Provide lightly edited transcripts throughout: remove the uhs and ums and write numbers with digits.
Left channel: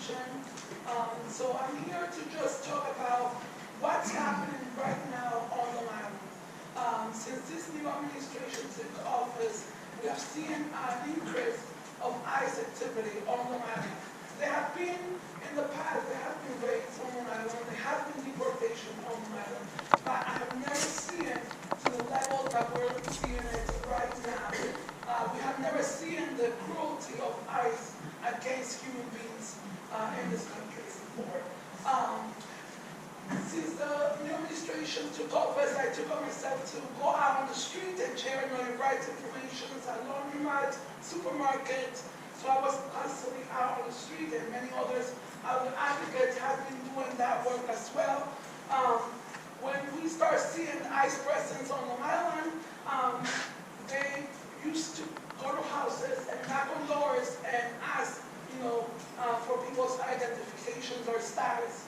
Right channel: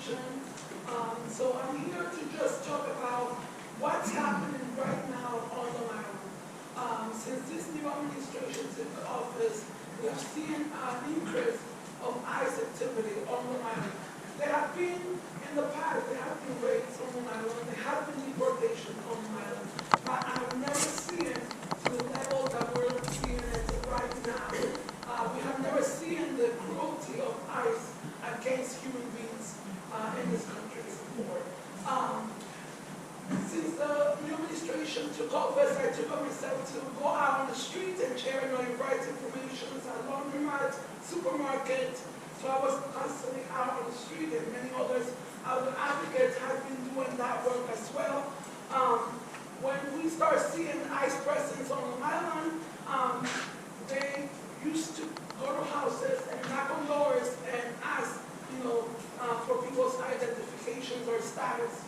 mentioned. So I'm here to just talk about what's happening right now on Long Island. Since this new administration took office, we have seen an increase of ICE activity on Long Island. There have been, in the past, there have been raids on Long Island, there have been deportations on Long Island, but I have never seen it to the level that we're seeing it right now. We have never seen the cruelty of ICE against human beings in this country before. Since the new administration took office, I took on myself to go out on the street and share rights information at laundromats, supermarkets. So I was constantly out on the street, and many others, other advocates have been doing that work as well. When we start seeing ICE presence on Long Island, they used to go to houses and knock on doors and ask, for people's identifications or status.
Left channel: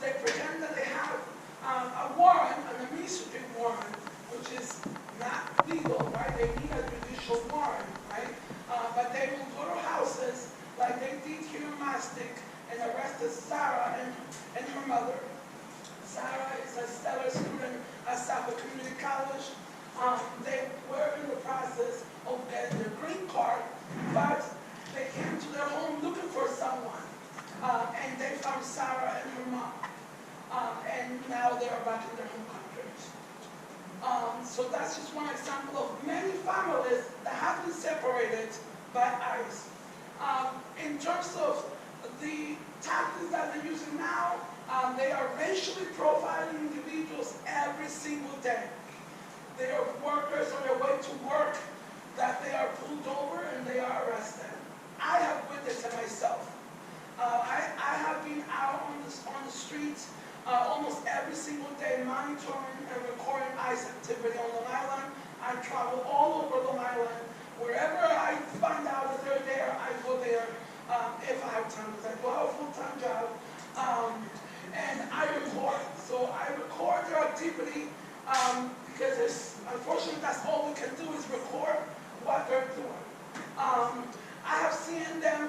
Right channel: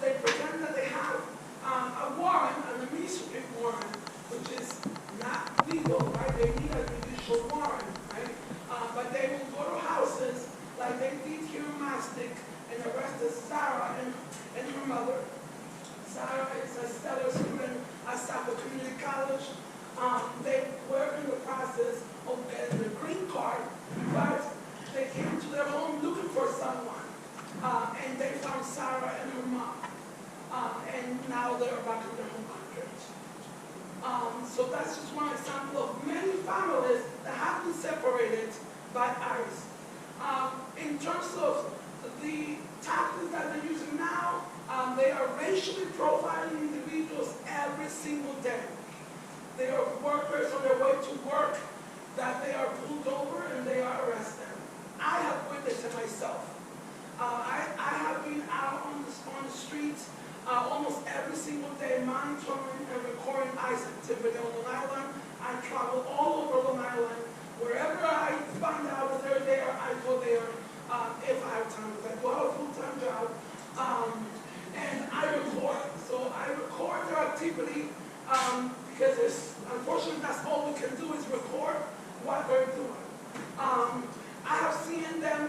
They pretend that they have a warrant, an administrative warrant, which is not legal, right? They need a judicial warrant, right? But they will go to houses like they did here in Mastic and arrested Sarah and her mother. Sarah is a stellar student at Suffolk Community College. They were in the process of getting their green card, but they came to their home looking for someone. And they found Sarah and her mom. And now they are back in their home country. So that's just one example of many families that have been separated by ICE. In terms of the tactics that they're using now, they are racially profiling individuals every single day. They are workers on their way to work that they are pulled over and they are arrested. I have witnessed it myself. I have been out on the streets almost every single day, monitoring and recording ICE activity on Long Island. I travel all over Long Island. Wherever I find out that they're there, I go there if I have time, because I do have a full-time job. And I record. So I record their activity because unfortunately that's all we can do is record what they're doing. I have seen them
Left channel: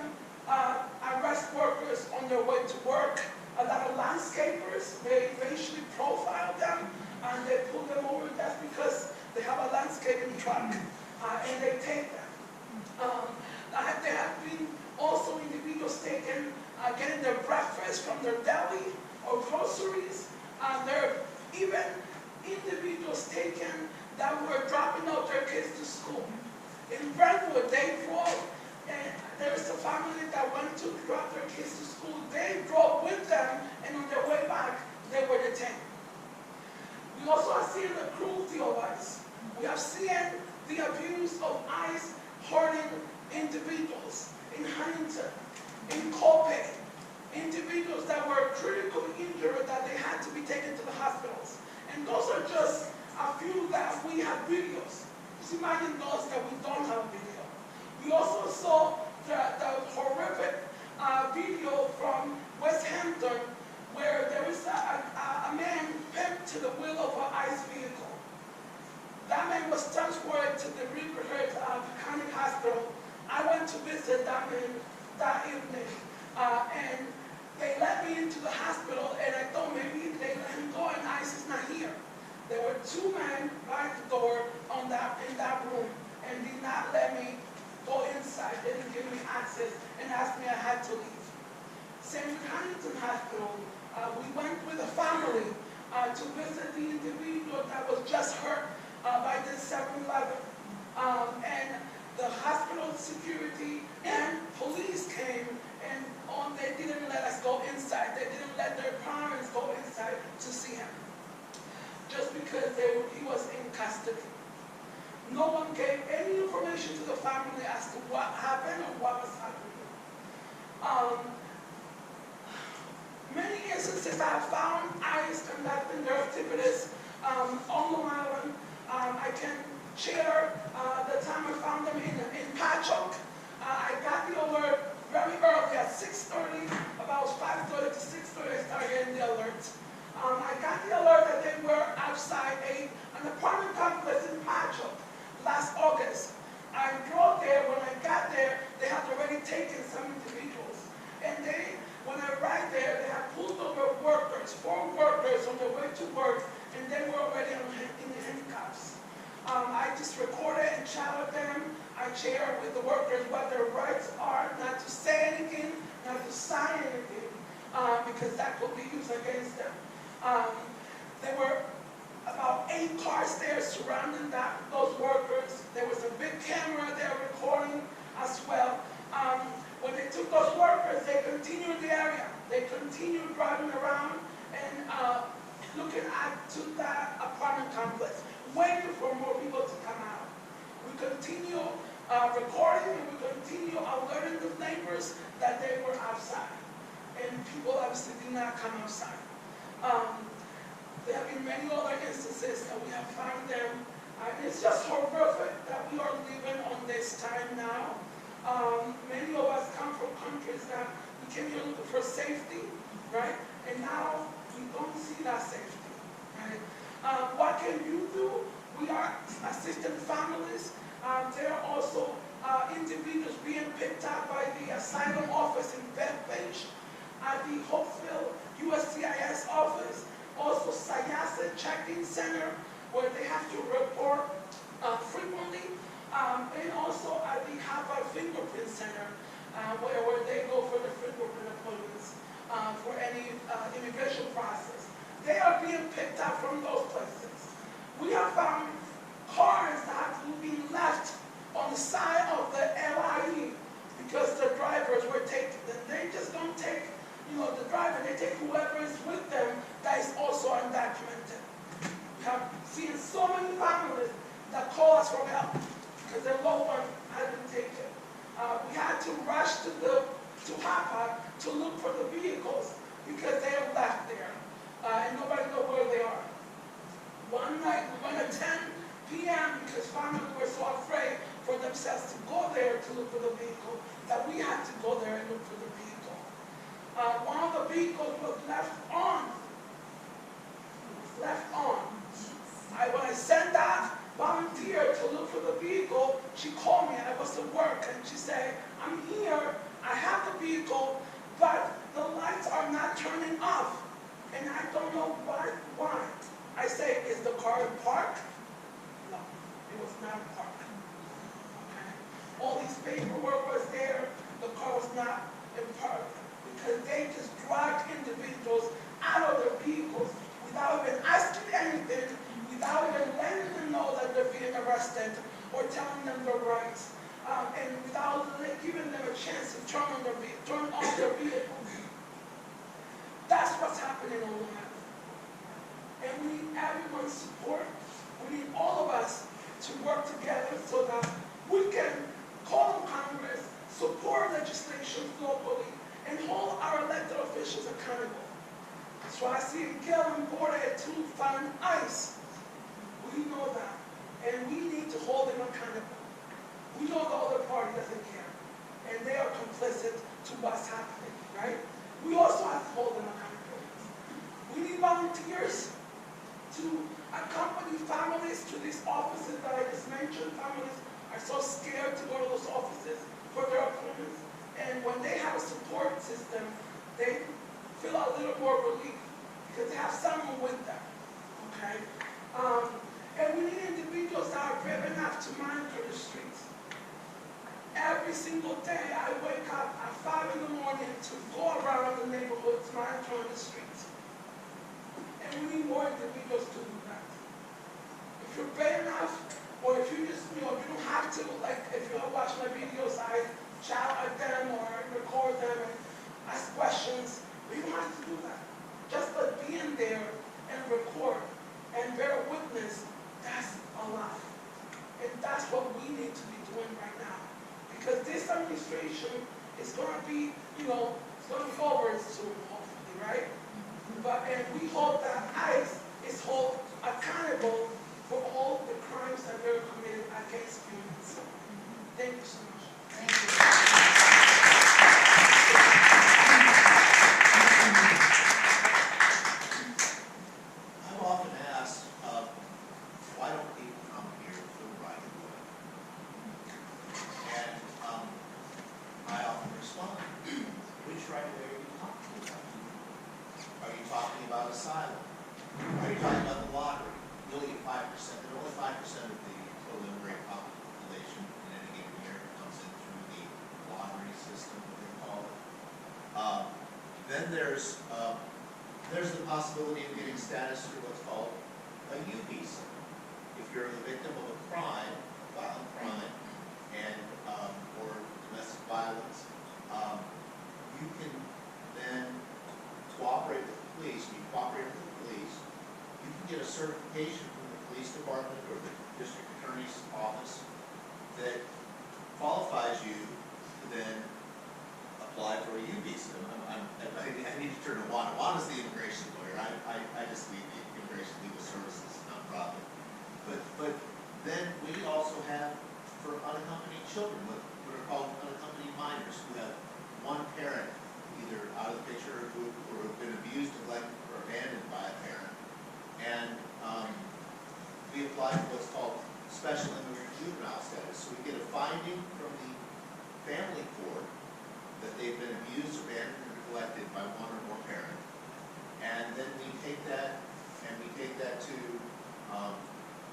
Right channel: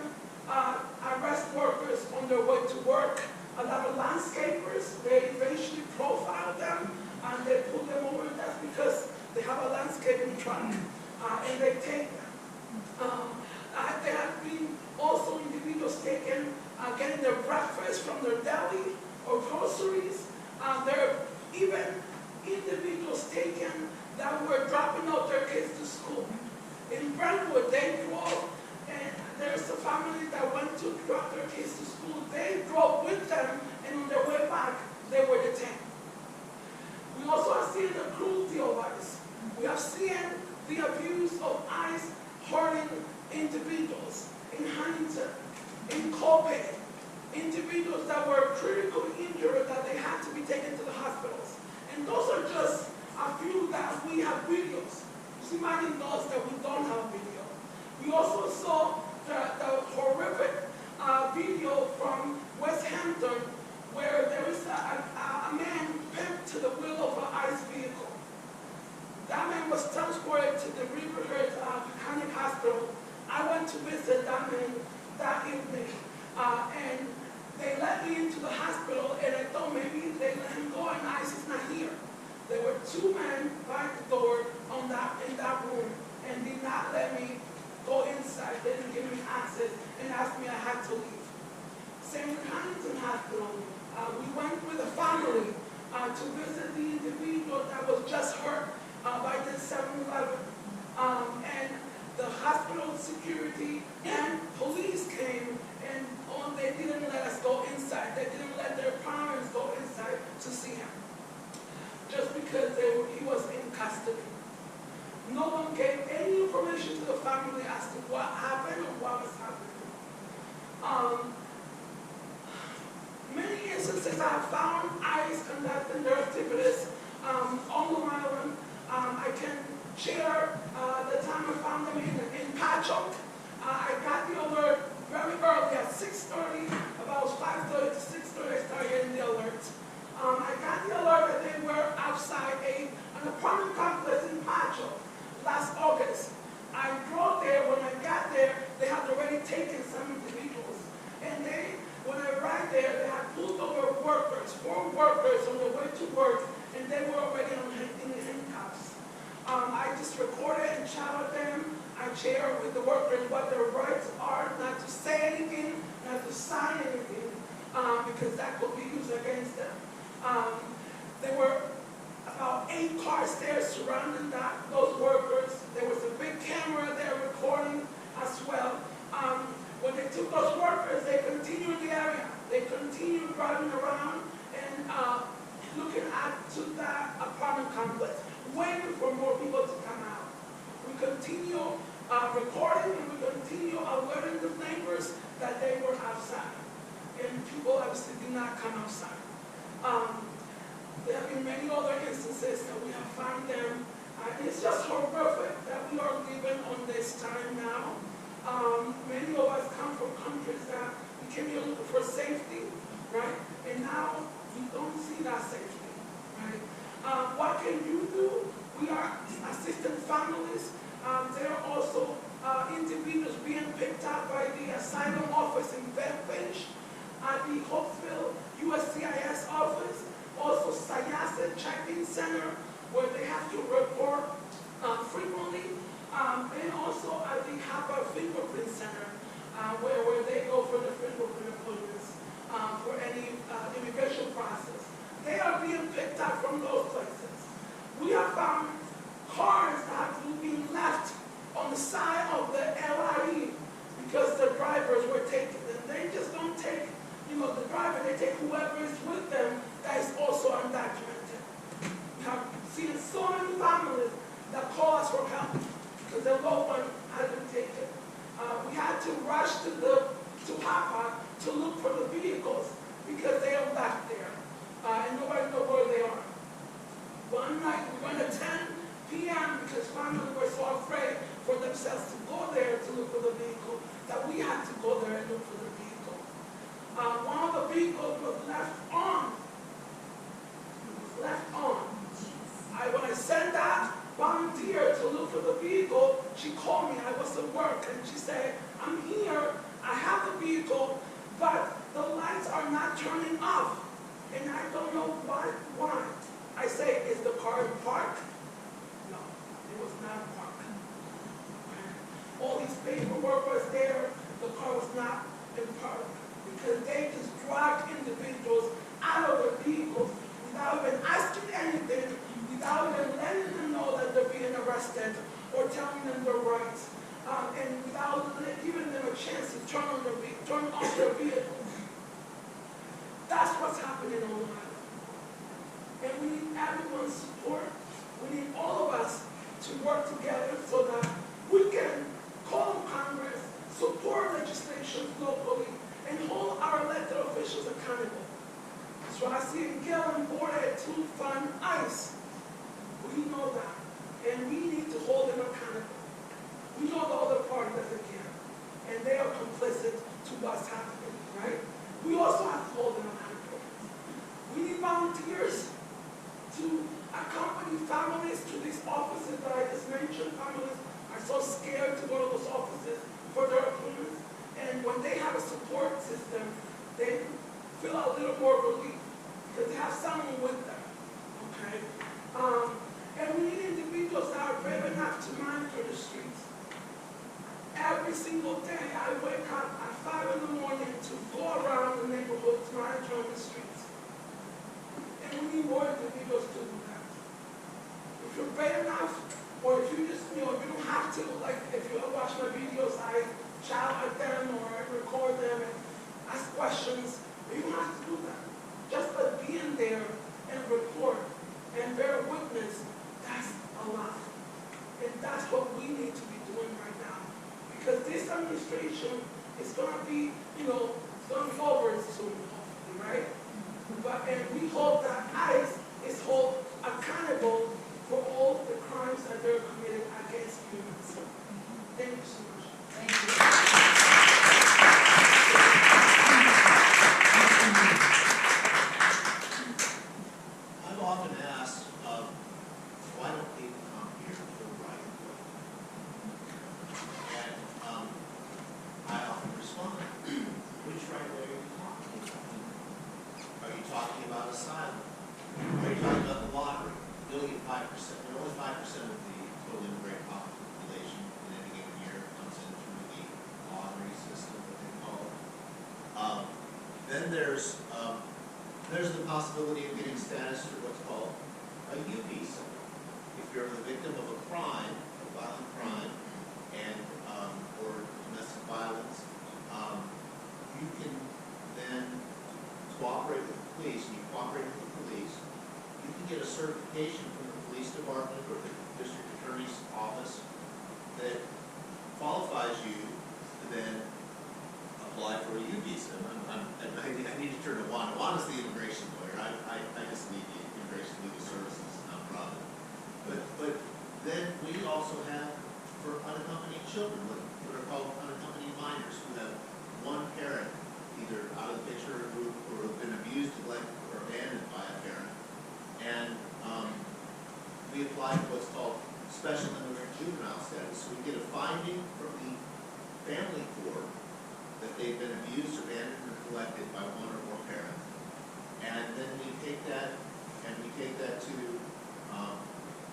arrest workers on their way to work. A lot of landscapers, they racially profile them and they pull them over. That's because they have a landscaping truck and they take them. There have been also individuals taken, getting their breakfast from their deli or groceries. There are even individuals taken that were dropping out their kids to school. In Brentwood, they drove, and there's a family that went to drop their kids to school. They drove with them, and on their way back, they were detained. We also have seen the cruelty of ICE. We have seen the abuse of ICE hurting individuals in Huntington, in Copiah, individuals that were critically injured that they had to be taken to the hospitals. And those are just a few that we have videos. Just imagine those that we don't have video. We also saw the horrific video from West Hampton where there was a man pinned to the wheel of an ICE vehicle. That man was transported to the Riverhead Mechanic Hospital. I went to visit that man that evening, and they let me into the hospital, and I thought maybe they let him go and ICE is not here. There were two men by the door in that room and did not let me go inside. They didn't give me access and asked me I had to leave. Same with Huntington Hospital. We went with a family to visit the individual that was just hurt by the 7-Eleven. And the hospital security and police came and they didn't let us go inside. They didn't let their parents go inside to see him, just because he was in custody. No one gave any information to the family as to what happened or what was happening. Many instances I have found ICE conducting their activities on Long Island. I can share the time I found them in Patchogue. I got the alert very early at 6:30, about 5:30 to 6:30 I started getting the alert. I got the alert that they were outside an apartment complex in Patchogue last August. I drove there. When I got there, they had already taken some individuals. And they workers on their way to work, and they were already in the handcuffs. I just recorded and shouted them. I shared with the workers what their rights are, not to say anything, not to sign anything, because that could be used against them. There were about 8 cars there surrounding those workers. There was a big camera there recording as well. When they took those workers, they continued the area. They continued driving around and looking to that apartment complex, waiting for more people to come out. We continue recording, and we continue alerting the neighbors that they were outside. And people obviously did not come outside. There have been many other instances that we have found them. It's just horrific that we are living on this time now. Many of us come from countries that we came here looking for safety, right? And now we don't see that safety, right? What can you do? We are assisting families. There are also individuals being picked up by the asylum office in Bethpage, at the Hopeville USCIS office, also Sayasa check-in center, where they have to report frequently, and also at the HAPA fingerprint center, where they go for the fingerprint appointments for any immigration process. They are being picked up from those places. We have found cars that have been left on the side of the LIE because the drivers were taken. And they just don't take, the driver, they take whoever is with them that is also undocumented. We have seen so many families that call us for help because their loved one had been taken. We had to rush to HAPA to look for the vehicles because they are left there, and nobody knows where they are. One night we went at 10 p.m. because families were so afraid for themselves to go there to look for the vehicle that we had to go there and look for the vehicle. One of the vehicles was left on. It was left on. When I sent that volunteer to look for the vehicle, she called me. I was at work, and she said, "I'm here. I have the vehicle, but the lights are not turning off, and I don't know why." I say, "Is the car in park?" No, it was not in park. Okay. All these paperwork was there. The car was not in park because they just dragged individuals out of their vehicles without even asking anything, without even letting them know that they're being arrested or telling them their rights, and without giving them a chance to turn on their vehicles. That's what's happening on Long Island. And we need everyone's support. We need all of us to work together so that we can call on Congress, support legislation locally, and hold our elected officials accountable. So I see in Gillen voted to fund ICE. We know that. And we need to hold them accountable. We know the other party doesn't care. And they are complicit to what's happening, right? We also have to hold them accountable. We need volunteers to accompany families to these offices that I just mentioned. Families are so scared to go to those offices for their appointments. And when they have a support system, they feel a little more relief because they have someone with them, okay? And we need individuals that are brave enough to monitor the streets. Every single day, I wake up at 5 in the morning to go around the neighborhoods monitoring the streets. And we need more individuals to do that. If you're brave enough, or if you just, if you don't have to, like if you watch my videos, I shout at them or record them and ask questions, but you don't have to do that. Just by being there and record and bear witness, that's a lot. And that's what we need to be doing right now. Because this administration is going to be, it's going to be over soon, hopefully, right? And we hope that ICE is held accountable for all the crimes that they're committed against humans. Thank you so much. Thank you. I'm often asked, why don't people come here the right way? And I often respond, which right way are you talking about here? Are you talking about asylum? Are you talking about the lottery? You only get 5%. There are only 5% of the total immigrant population in any given year comes in through the lottery system that they call it. Then there's the possibility of getting status through what's called a U visa. If you're the victim of a crime, a violent crime, and or domestic violence, you can then cooperate with the police, and you cooperate with the police. You can get a certification from the police department or the district attorney's office that qualifies you to then apply for a U visa. I need to turn to Juan. Juan is the immigration lawyer. I just lead the Immigration Legal Services nonprofit. But then we also have for unaccompanied children, what are called unaccompanied minors, who have one parent either out of the picture or have been abused, neglected, or abandoned by a parent. And we apply for what's called special immigrant juvenile status. So we get a finding from the family court that they've been abused, abandoned, or neglected by one or more parents. And then we take that to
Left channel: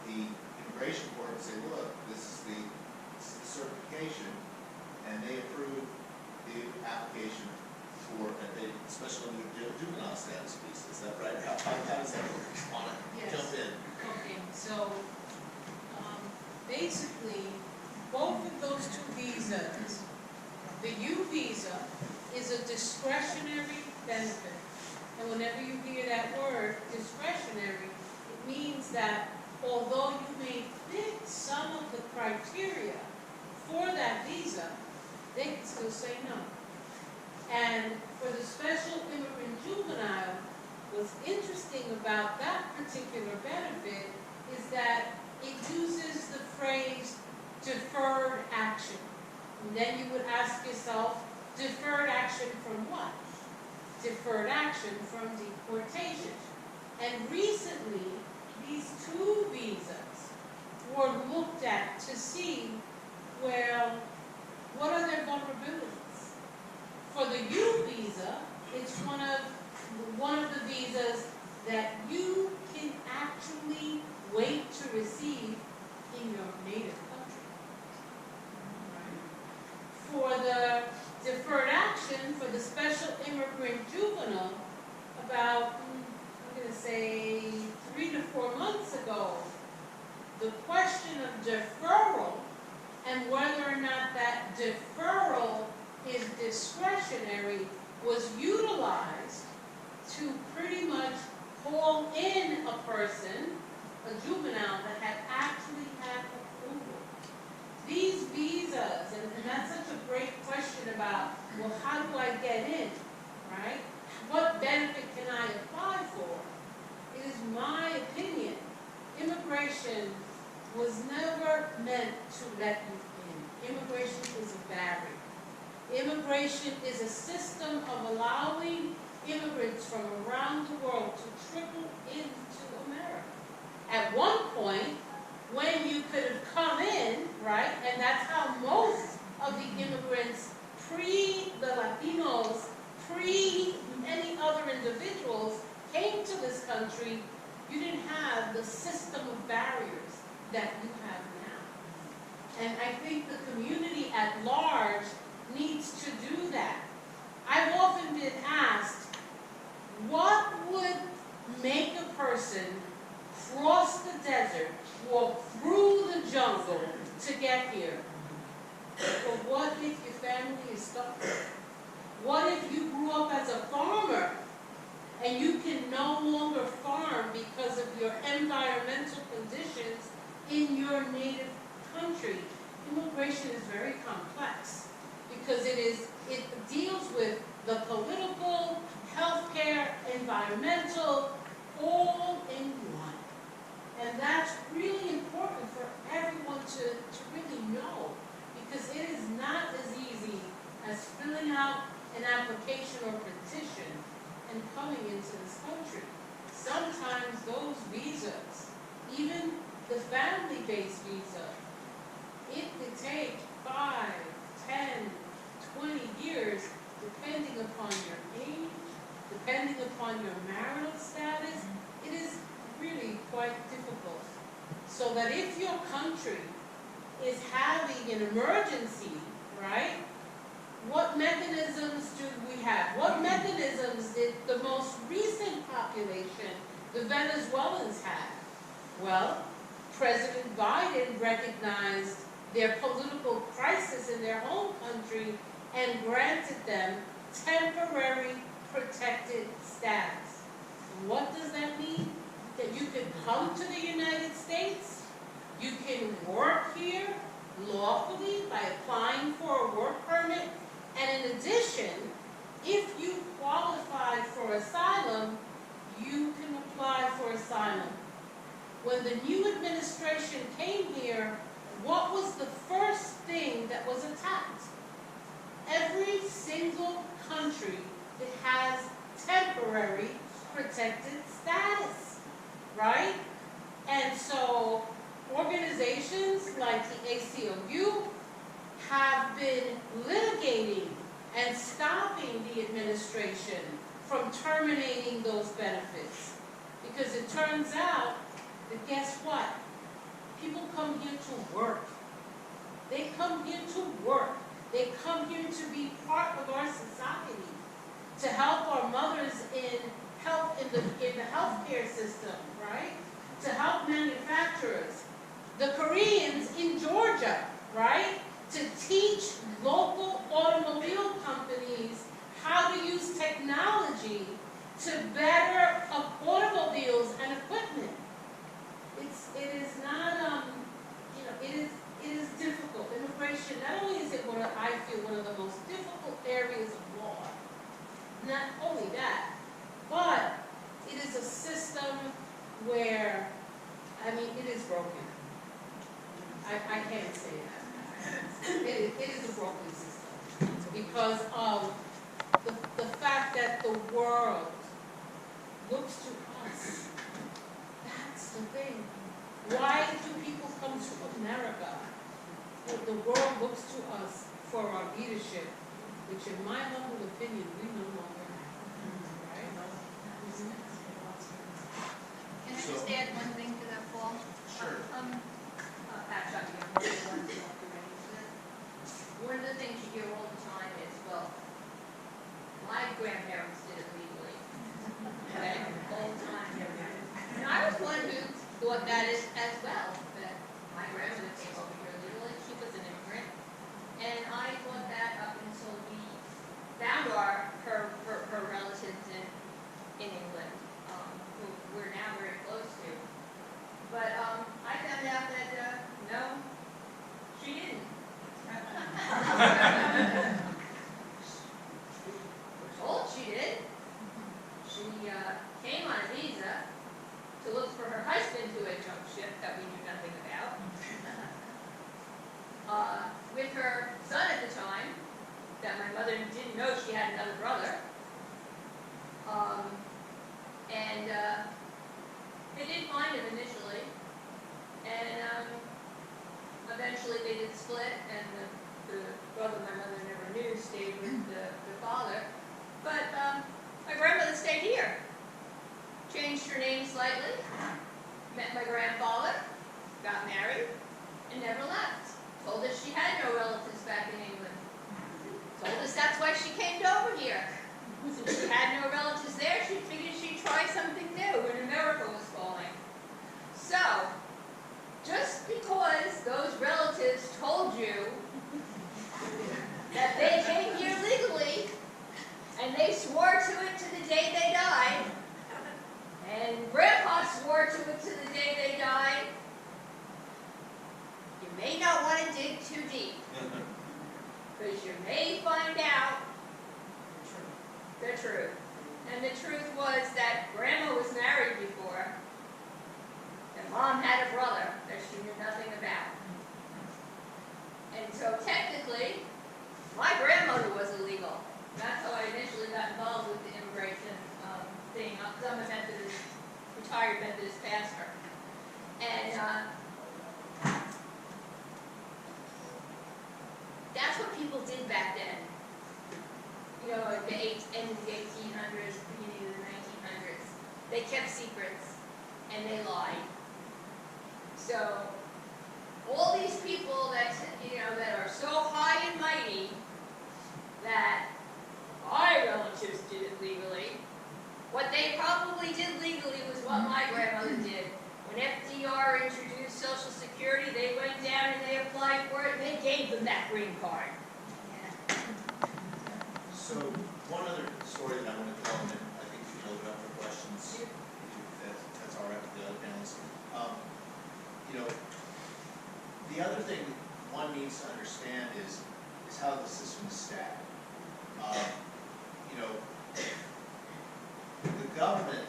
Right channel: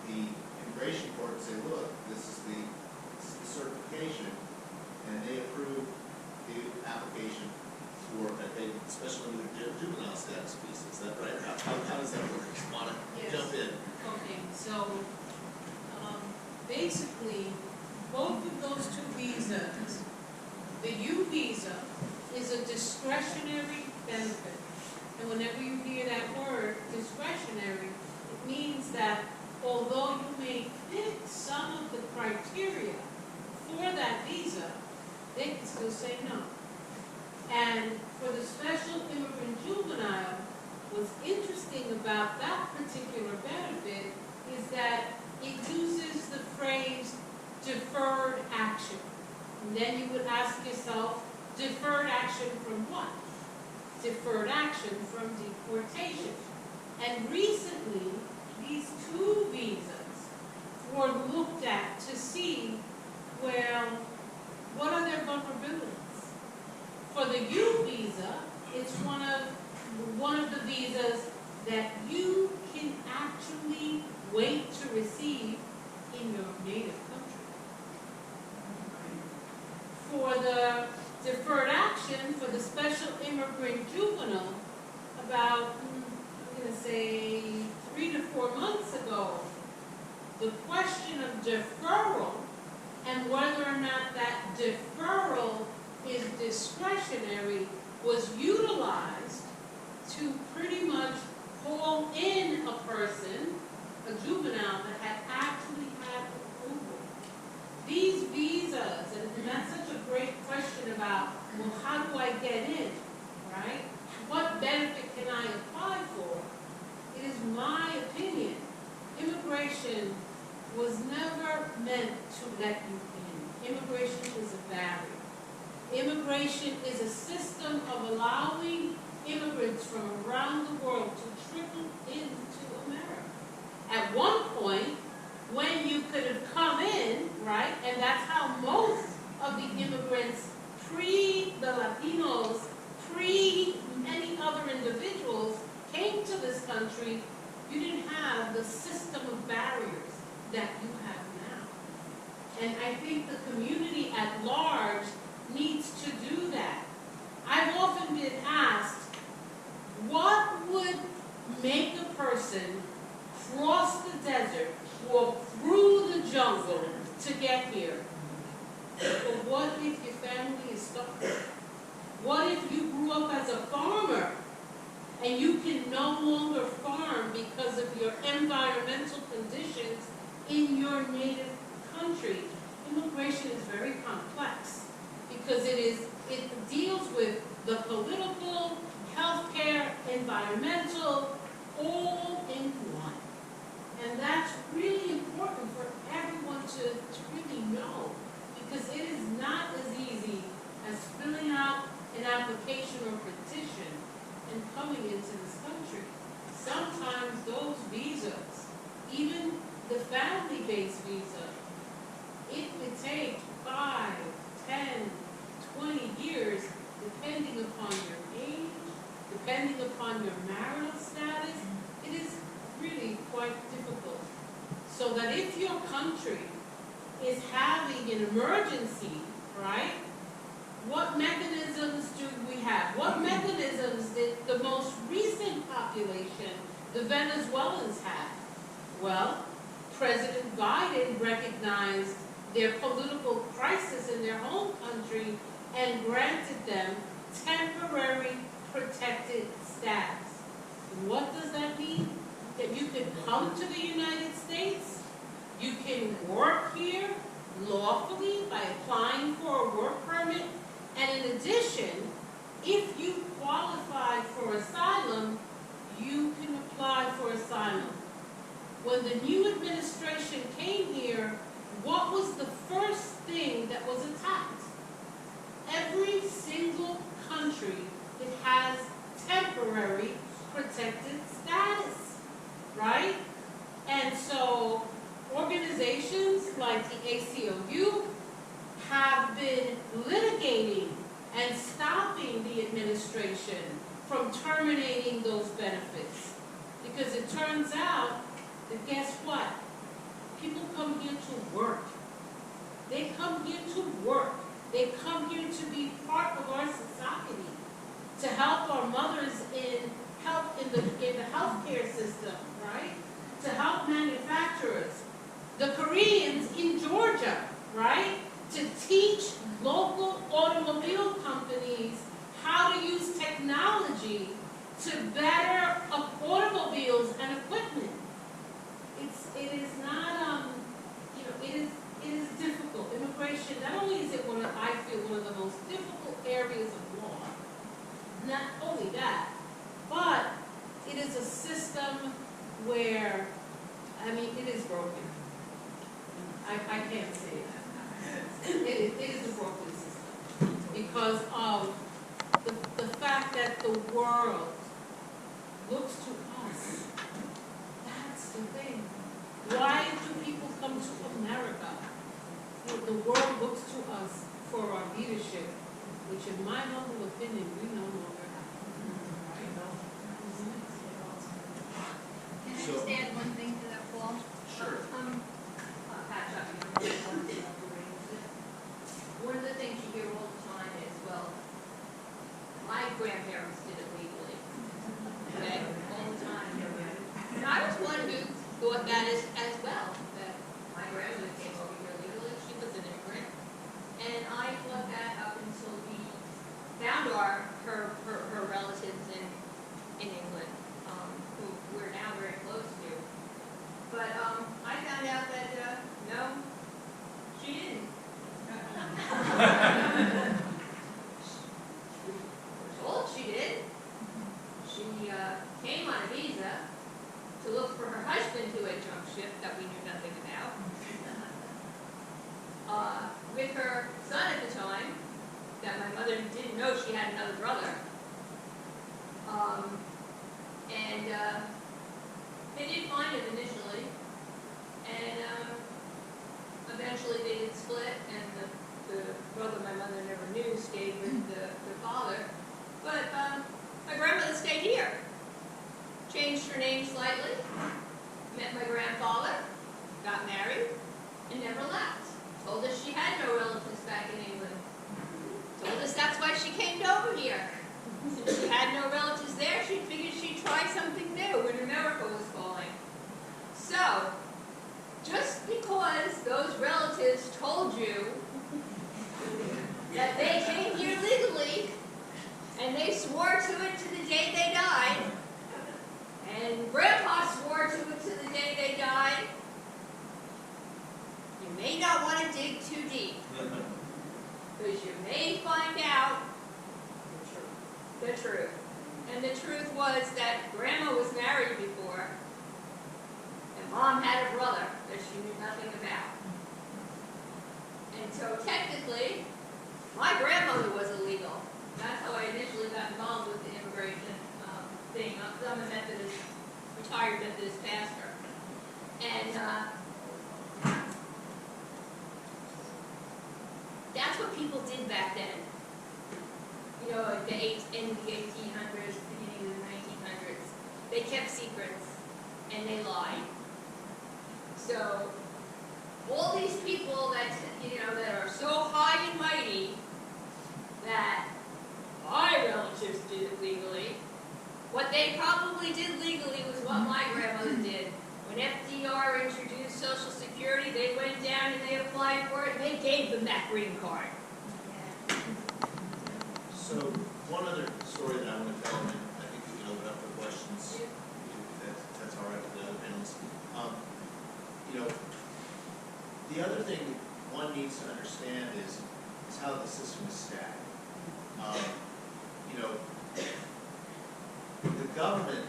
the immigration court and say, look, this is the certification, and they approve the application for a special juvenile status visa. Is that right? How does that work? Want to Yes. jump in? Okay, so, basically, both of those two visas, the U visa is a discretionary benefit. And whenever you hear that word, discretionary, it means that although you may fit some of the criteria for that visa, they can still say no. And for the special immigrant juvenile, what's interesting about that particular benefit is that it uses the phrase deferred action. And then you would ask yourself, deferred action from what? Deferred action from deportation. And recently, these two visas were looked at to see, well, what are their vulnerabilities? For the U visa, it's one of the visas that you can actually wait to receive in your native country. Right? For the deferred action, for the special immigrant juvenile, about, I'm going to say 3 to 4 months ago, the question of deferral and whether or not that deferral is discretionary was utilized to pretty much haul in a person, a juvenile, that had actually had approval. These visas, and that's such a great question about, well, how do I get in, right? What benefit can I apply for? It is my opinion, immigration was never meant to let you in. Immigration is a barrier. Immigration is a system of allowing immigrants from around the world to trickle into America. At one point, when you could have come in, right, and that's how most of the immigrants, pre the Latinos, pre many other individuals came to this country, you didn't have the system of barriers that you have now. And I think the community at large needs to do that. I've often been asked, what would make a person cross the desert, walk through the jungle to get here? But what if your family is stuck? What if you grew up as a farmer and you can no longer farm because of your environmental conditions in your native country? Immigration is very complex because it deals with the political, healthcare, environmental, all in one. And that's really important for everyone to really know, because it is not as easy as filling out an application or petition and coming into this country. Sometimes those visas, even the family-based visa, it could take 5, 10, 20 years, depending upon your age, depending upon your marital status, it is really quite difficult. So that if your country is having an emergency, right, what mechanisms do we have? What mechanisms did the most recent population, the Venezuelans, have? Well, President Biden recognized their political crisis in their home country and granted them temporary protected status. And what does that mean? That you can come to the United States, you can work here lawfully by applying for a work permit, and in addition, if you qualify for asylum, you can apply for asylum. When the new administration came here, what was the first thing that was attacked? Every single country that has temporary protected status, right? And so organizations like the ACLU have been litigating and stopping the administration from terminating those benefits. Because it turns out that, guess what? People come here to work. They come here to work. They come here to be part of our society, to help our mothers in the healthcare system, right? To help manufacturers. The Koreans in Georgia, right? To teach local automobile companies how to use technology to better automobiles and equipment. It is not, it is difficult. Immigration, not only is it I feel one of the most difficult areas of law, not only that, but it is a system where, it is broken. I can't say that. It is a broken system because of the fact that the world looks to us. That's the thing. Why do people come to America? The world looks to us for our leadership, which in my humble opinion, we no longer have. Right? Can I just add one thing to that, Paul? Sure. Pat Shuffy, I'm one of the ones who have to arrange this. One of the things you hear all the time is, well, my grandparents did it legally. Okay, all the time. And I was one who thought that as well, that my grandmother came over here legally, she was an immigrant. And I thought that up until we found her relatives in England, who we're now very close to. But I found out that, no, she didn't. We're told she did. She came on a visa to look for her husband who had jumped ship that we knew nothing about. With her son at the time, that my mother didn't know she had another brother. And they did find him initially, and eventually they did split, and the brother my mother never knew stayed with the father. But my grandmother stayed here, changed her name slightly, met my grandfather, got married, and never left. Told us she had no relatives back in England. Told us that's why she came over here. Since she had no relatives there, she figured she'd try something new when America was falling. So, just because those relatives told you that they came here legally, and they swore to it to the day they died, and Grandpa swore to it to the day they died, you may not want to dig too deep, because you may find out the truth. And the truth was that Grandma was married before, and Mom had a brother that she knew nothing about. And so technically, my grandmother was illegal. That's how I initially got involved with the immigration thing, because I'm a Methodist, retired Methodist pastor. And that's what people did back then. You know, at the end of the 1800s, beginning they kept secrets, and they lied. So, all these people that, that are so high and mighty that my relatives did it legally, what they probably did legally was what my grandmother did. When FDR introduced Social Security, they went down and they applied for it, and they gave them that green card. So, one other story that I want to tell, and I think we can open up for questions, if that's all right with the other panelists. The other thing one needs to understand is how the system is stacked. The government,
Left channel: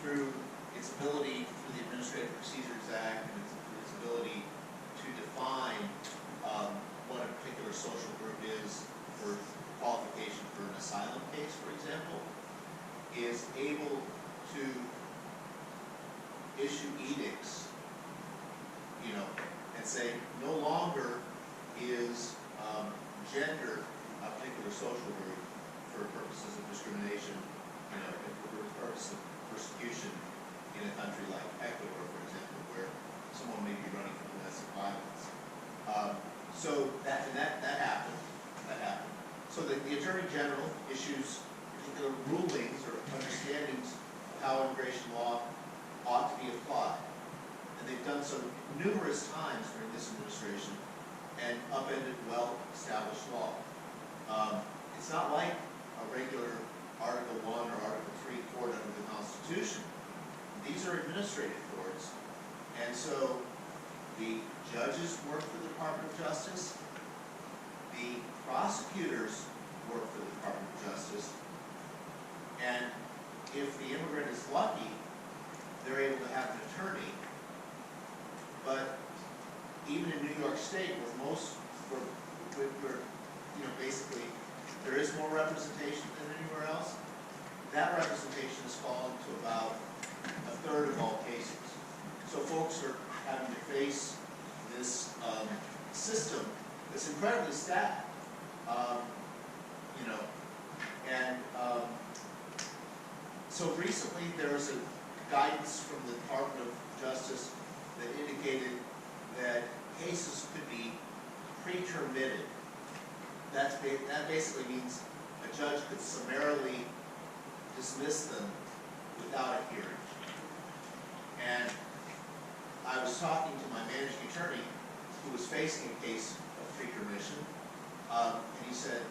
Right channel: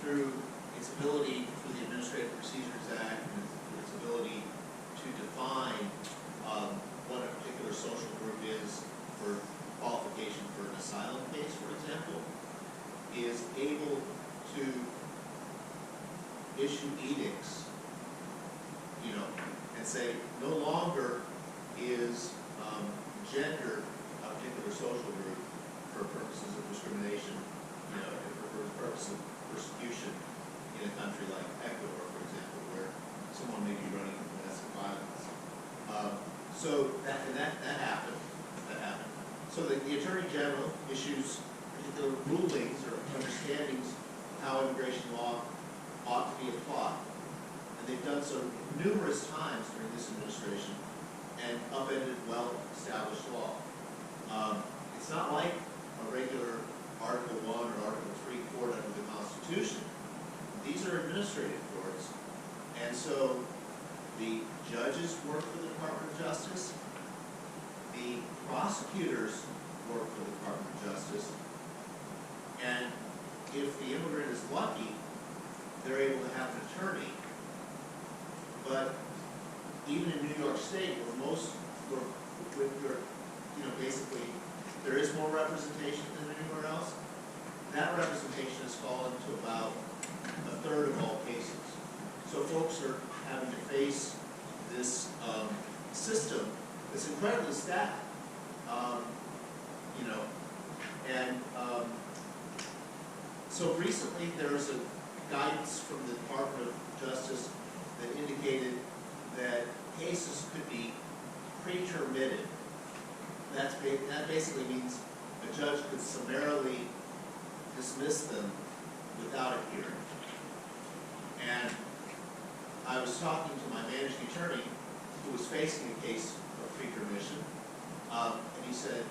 through its ability, through the Administrative Procedures Act, and its ability to define what a particular social group is for qualification for an asylum case, for example, is able to issue edicts, and say no longer is gender a particular social group for purposes of discrimination, for purposes of persecution in a country like Ecuador, for example, where someone may be running from domestic violence. So that happened. So the Attorney General issues particular rulings or understandings of how immigration law ought to be applied. And they've done so numerous times during this administration and upended well-established law. It's not like a regular Article 1 or Article 3 court under the Constitution. These are administrative courts, and so the judges work for the Department of Justice, the prosecutors work for the Department of Justice, and if the immigrant is lucky, they're able to have an attorney. But even in New York State, where basically there is more representation than anywhere else, that representation has fallen to about a third of all cases. So folks are having to face this system that's incredibly stacked, so recently there was a guidance from the Department of Justice that indicated that cases could be pre-termitted. That basically means a judge could summarily dismiss them without a hearing. And I was talking to my managing attorney who was facing a case of pre-termission, and he said,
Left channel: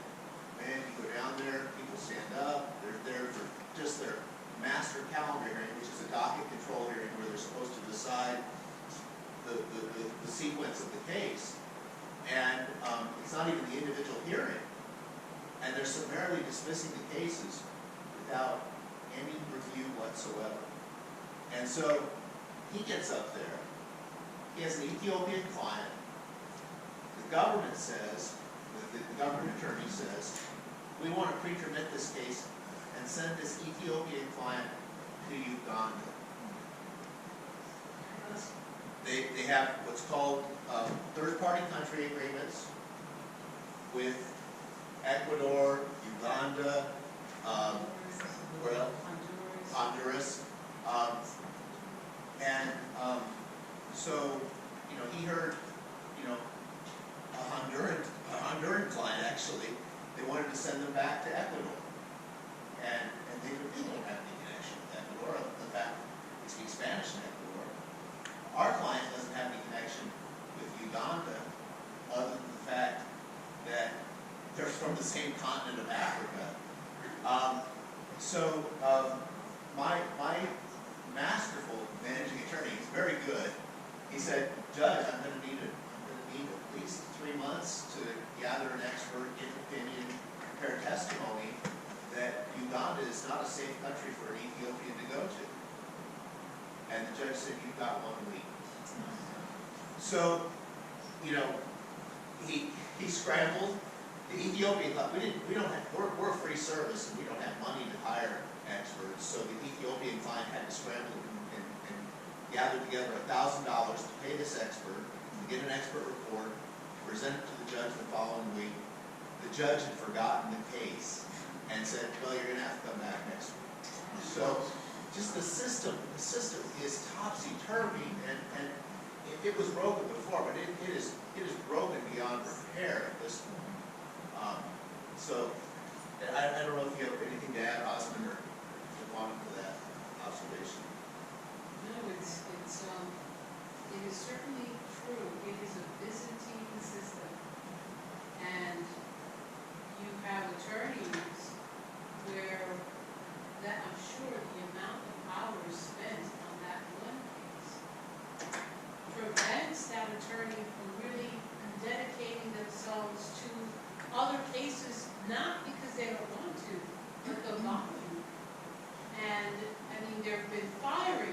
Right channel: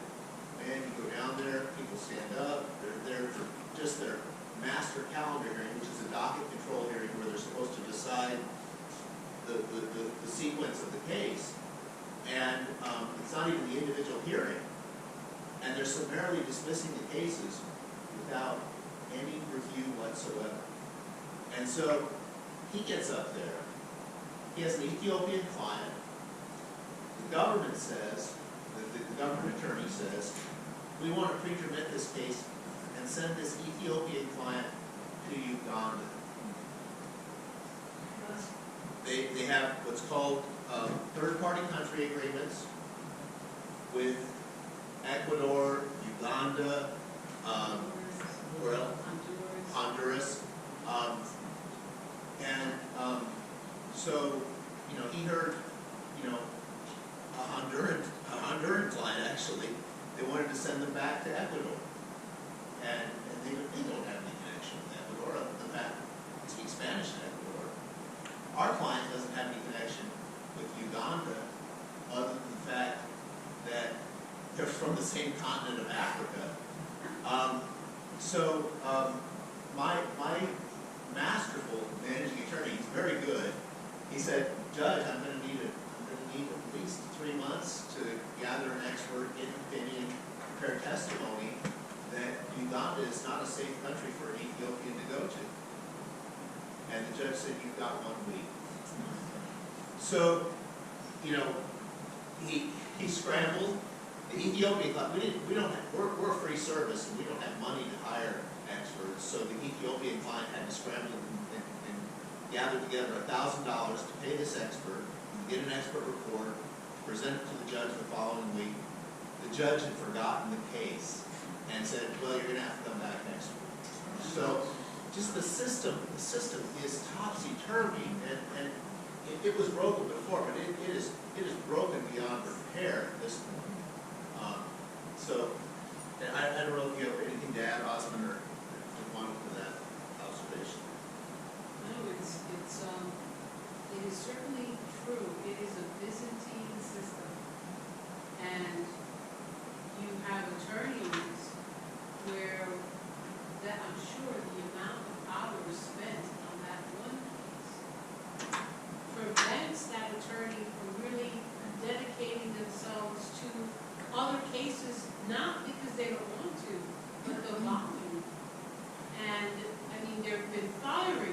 man, you go down there, people stand up, they're there for just their master calendar hearing, which is a docket control hearing where they're supposed to decide the sequence of the case. And it's not even the individual hearing. And they're summarily dismissing the cases without any review whatsoever. And so he gets up there. He has an Ethiopian client. The government says, the government attorney says, we want to pre-termit this case and send this Ethiopian client to Uganda. They have what's called third-party country agreements with Ecuador, Uganda, Honduras. So, he heard, a Honduran client actually, they wanted to send them back to Ecuador. And they don't have any connection with Ecuador, other than the fact that they speak Spanish in Ecuador. Our client doesn't have any connection with Uganda, other than the fact that they're from the same continent of Africa. My masterful managing attorney, he's very good. He said, Judge, I'm going to need at least 3 months to gather an expert, get an opinion, prepare testimony that Uganda is not a safe country for an Ethiopian to go to. And the judge said, you've got 1 week. So, he scrambled. The Ethiopian thought, we're a free service and we don't have money to hire experts. So the Ethiopian client had to scramble and gather together $1,000 to pay this expert, to get an expert report, present it to the judge the following week. The judge had forgotten the case and said, well, you're going to have to come back next week. So, just the system is topsy-turvy, and it was broken before, but it is broken beyond repair at this point. So, I don't know if you have anything to add, Osmond, or if you wanted to that observation. No, it is certainly true. It is a Byzantine system. And you have attorneys where that, I'm sure the amount of hours spent on that one case prevents that attorney from really dedicating themselves to other cases, not because they don't want to, but the volume. And, I mean, there have been firings